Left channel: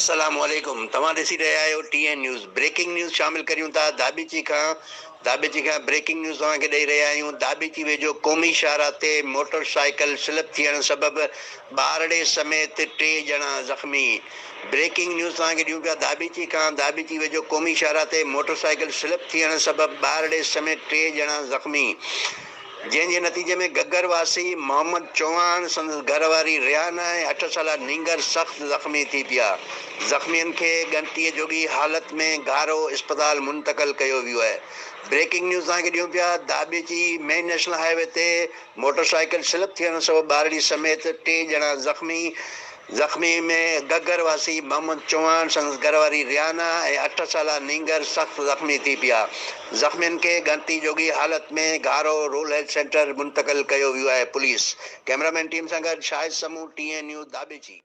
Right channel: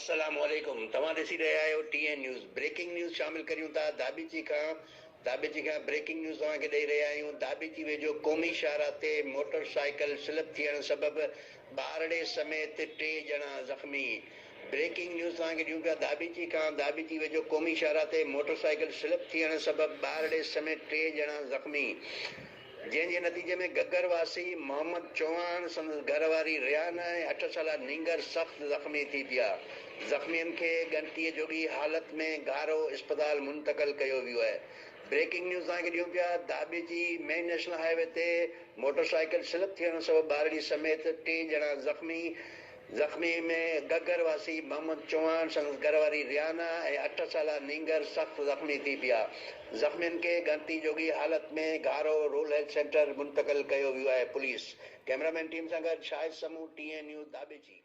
अस्सलामुअलैकुम। तव्हां ॾिसी रहिया आहियो TN न्यूज़। ब्रेकिंग न्यूज़ शामिल करियूं था दाबेची खां ब्रेकिंग न्यूज़ तव्हांखे ॾेई रहिया आहियूं। दाबेची वेझो क़ौमी शाहरा ते मोटरसाइकिल स्लिप थियण सबबि ॿारड़े समेत 3 ॼणा ज़ख़्मी। ब्रेकिंग न्यूज़ तव्हांखे ॾियूं पिया दाबेची वेझो क़ौमी शाहरा ते मोटरसाइकिल स्लिप थियण सबबि ॿारड़े समेत 3 ॼणा ज़ख़्मी, जंहिंजे नतीजे में गगर वासी मोहम्मद चौहान, संदसि घरवारी रियाना ऐं 8 साला नींगर सख़्त ज़ख़्मी थी पिया। ज़ख़्मियुनि खे ॻणतीअ जोॻी हालत में घारो इस्पताल मुंतक़िल कयो वियो आहे। ब्रेकिंग न्यूज़ तव्हांखे ॾियूं पिया दाबेची मेन नेशनल हाईवे ते मोटरसाइकिल स्लिप थियण सबबि ॿारड़ी समेत 3 ॼणा ज़ख़्मी में गगर वासी मोहम्मद चौहान, संदसि घरवारी रियाना ऐं 8 साला नींगर सख़्त ज़ख़्मी थी पिया। ज़ख़्मियुनि खे ॻणती जोॻी हालत में घारो रूरल हेल्थ सेंटर मुंतक़िल कयो वियो आहे। पुलिस कैमरामैन टीम सां गॾु शाहिद समूह, TN न्यूज़ दाबेची।